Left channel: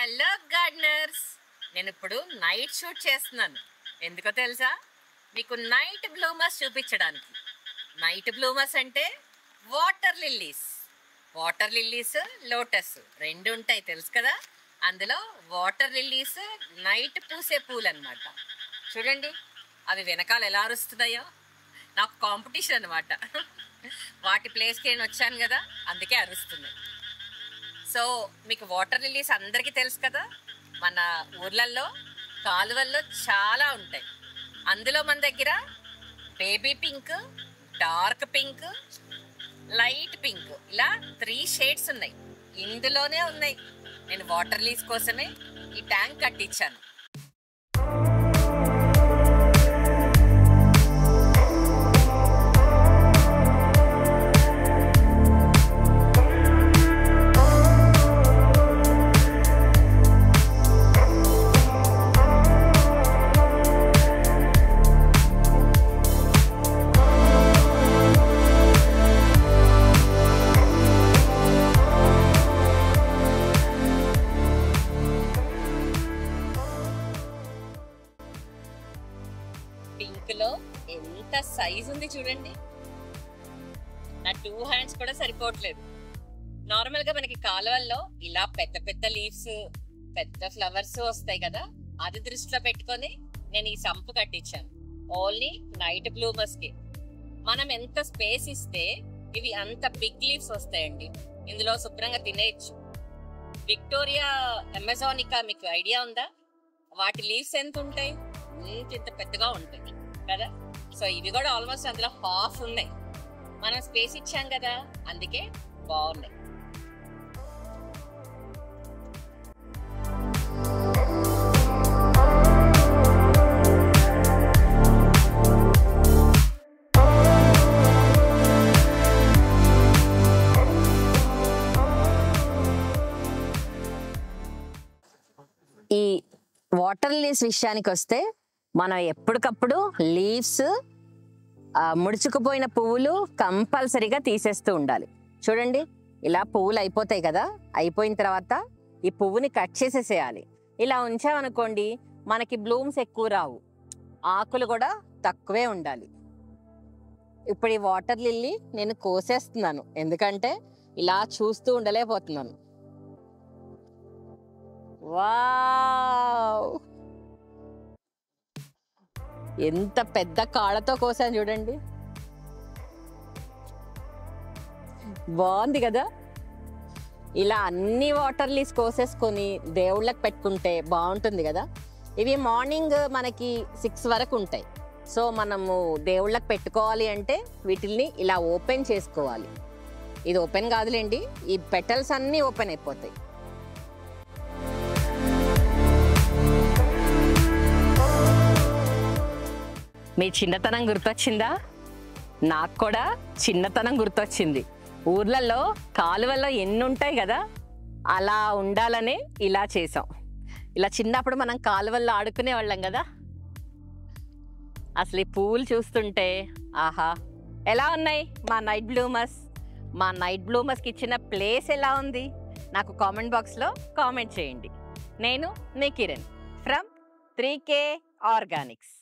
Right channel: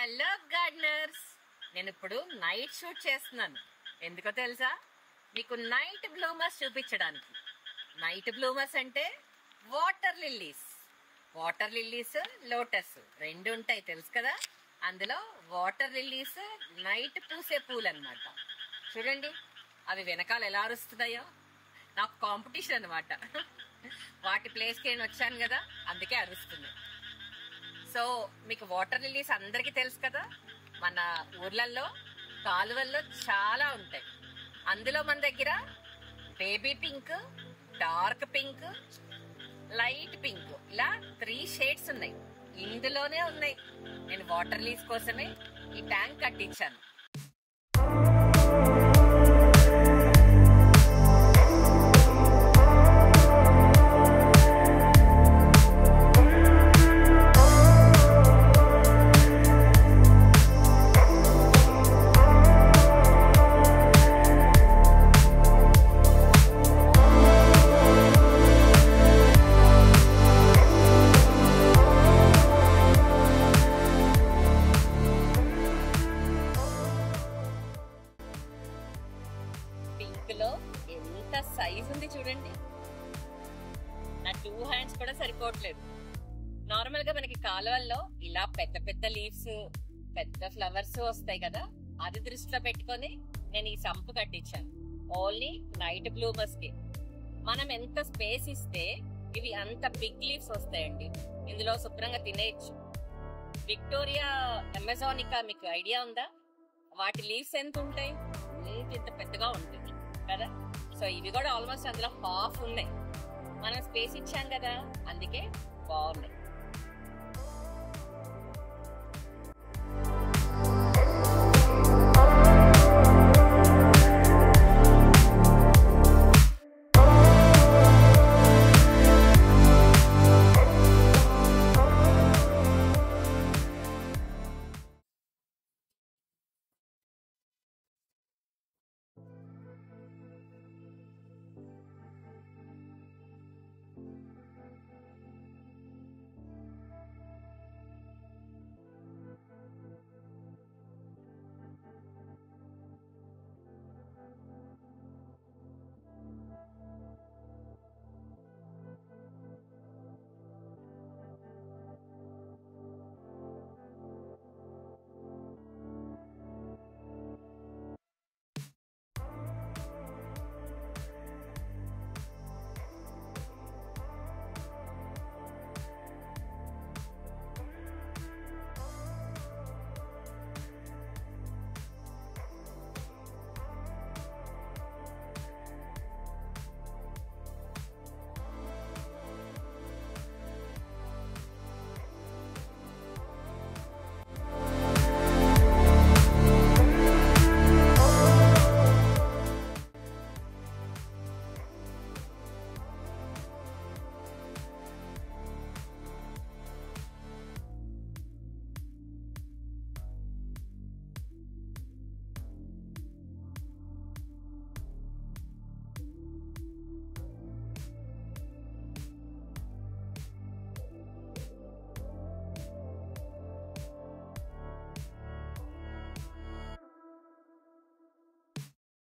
Hello gardeners, నేను ఇప్పుడు night shoot చేస్తున్నాను. ఎందుకో తెలుసా? మీకు నైట్ బ్లూమర్స్ చూపించడానికి. నైట్ బ్లూమర్స్ అంటే water lilies. Water lilies, lotus రెండు ఉంటాయి తెలుసు కదా. అందులో వాటర్ లిల్లీస్ నైట్ పూసే పూలు అనమాట. చూడండి అవి వెనకాల ఎలా అరుస్తున్నాయో. నాకు కాంపిటీషన్ అనమాట. వాటి ప్లేస్కి నేను వచ్చాను కదా, అందుకే అరుస్తున్నాయి. సో మీకు వాటర్ లిల్లీస్ అందరికీ తెలుసు కదా, మన ఊర్లలో కాలువల్లో చాలా ఉంటాయి. అందులో మన దగ్గర baby pink, dark pink, light pink, ఇలా 3 షేడ్స్ ఉన్నాయి. ఇందులోనే ఉన్నాయి. నేను వాటర్ లిల్లీస్ కోసమే ఈ ట్యాంక్ కట్టించాను. పింక్ లో ఎంత సైజ్ ఉంది చూడండి. నా 2 హ్యాండ్స్ కూడా సరిపోవట్లేదు. నార్మల్ గా మనకి కాలువల్లో ఇలా పెద్ద పెద్ద లీవ్స్, పెద్ద ఫ్లవర్స్ వస్తాయి కదా, అది దృష్టిలో పెట్టుకొని నేను ఈ సంపు కట్టించాను. ఓన్లీ నైట్ బ్లూమర్స్ కి. మనం ఎంత స్పేస్ ఇస్తే ఇవి అంత బిగ్ లీవ్స్ వస్తాయండి. ఇందులో శుభ్రంగా తినేయచ్చు. విక్టోరియా అమెజానికా మీకు ఐడియా ఉందా? వాటి లీవ్స్ ఎంత ఉంటాయి? ఇంత పెద్దగా ఉంటాయి కదా. సో ఇవి కూడా ఆల్మోస్ట్ అందులో హాఫ్ ఉన్నాయి. మనం స్పేస్ ఇచ్చాం కదా, అందుకే బాగున్నాయి. ఈ వాటర్ లీవ్స్ విషయానికి వస్తే, మనం ఎప్పటికప్పుడు లీవ్స్, ముడుచుకుపోయిన పువ్వులు కంపల్సరీగా తీసేస్తూ ఉండాలి. చూడండి ఇలా పువ్వులు అయిపోతాయి కదా, అయిపోయిన తర్వాత ఈ పువ్వుని కట్ చేసేసేయాలి. ఇలా ఉంచామనుకోండి మనకి బ్లూమ్స్ ఎక్కువ రావు, ఆకులు కూడా తక్కువే ఉండాలి. ఇప్పుడు ఈ వాటర్ లిల్లీ నేను కోసేస్తున్నాను, ఎందుకంటే ఇలా చూస్తూ ఉండలేకపోతున్నాను. వావ్, ఎంత పెద్ద కాళ్ళతో కోసాను చూడండి. బాగుంది కదా. ఇలా అన్ని వాటర్ లీవ్స్ కోసేసుకొని దేవుళ్ళకి పెట్టుకుంటే బాగుంటుంది కదా. ఇవి మార్నింగ్ మనకి 6 వరకు ఉంటాయి. సో మనము దేవుళ్ళకి పెట్టుకోవాలి అంటే వీటిల్ని ఇలా ఓపెన్ చేసుకోవాలి. ఇది ఓపెన్ కాదులేండి, ఈ పెటల్స్ అన్నీ ఓపెన్ అయిపోతాయి. మీ చిన్నతనం గుర్తొచ్చిందా? నాకు కూడా చిన్నతనం గుర్తొచ్చింది. ఊర్లలో కాలువల్లో ఎన్ని ఉంటాయి కదా, అలా ఉండాలనే ఇలా చేసాం. ఇలా చిన్నప్పుడు మనం కాలువల్లో ఆడుకునే వాళ్ళం కదా. అసలు ఈ పువ్వులు చూస్తుంటే ఆహా, ఎలా ఉన్నాయి మా నైట్ బ్లూమర్స్? మా నైట్ బ్లూమర్స్కి ఇచ్చిన ప్లేస్ ఎలా ఉంది? నాకు కామెంట్ బాక్స్లో కామెంట్ చేయండి. నేను మీ కిరణ్ ఫ్రమ్ 3K ఆర్గానిక్స్.